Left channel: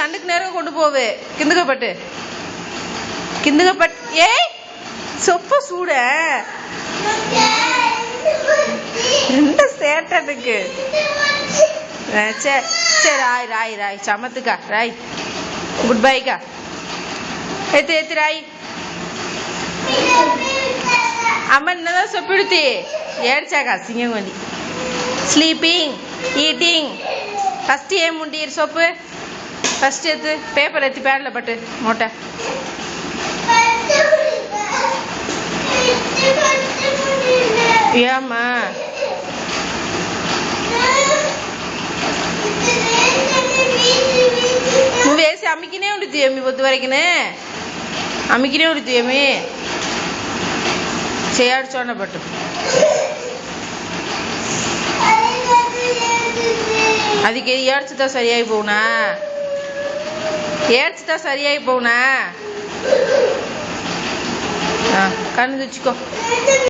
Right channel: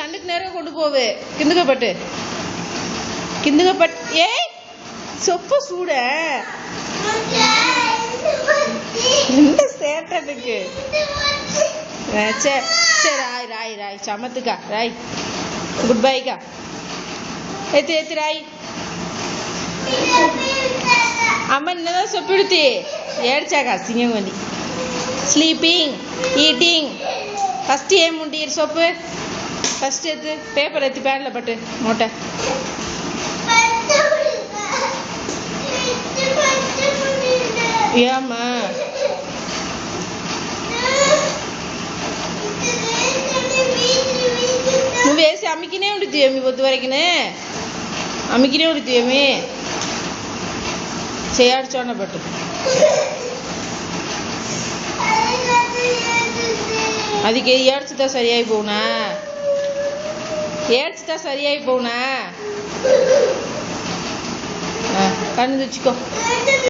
கண்ணுக்கு நேரம் கொண்டு போவே கிந்துகப்பட்டு ஏய் சொப்ப சூட இந்த சேட்டனுக்கு சரி ராய் ராய் ராய் சமத்துக்கா ராய் குட் பைக்கா எத்து எத்து ராய் அம்மா என்னதான் சொப்பிடுத்தி ஏடிச்சாக்கா சிங்கம் வண்டி ஸ்லீப்பிங் ஈட்டிங் ஃபஸ்ட்டு ஏன் முண்டீர் சொப்பு ஃபஸ்ட்டு எடுத்து பேப்பர் எடுத்து பேனில் பட்டு மூட்டை ஏம்மா నువ్వు వేసి అమ్మికినే ఉంటుంది అమ్మి పొద్దు వరకునే అమ్మికినే ఉంటుంది అమ్మి చేయాడ్చోండ పట్టు அதுக்கு ஏடிச்சுட்டா சரியாகி போகுனா ஏடிச்சுட்டா சரியாகி போகுனா கண்ணு வச்சுக்கோ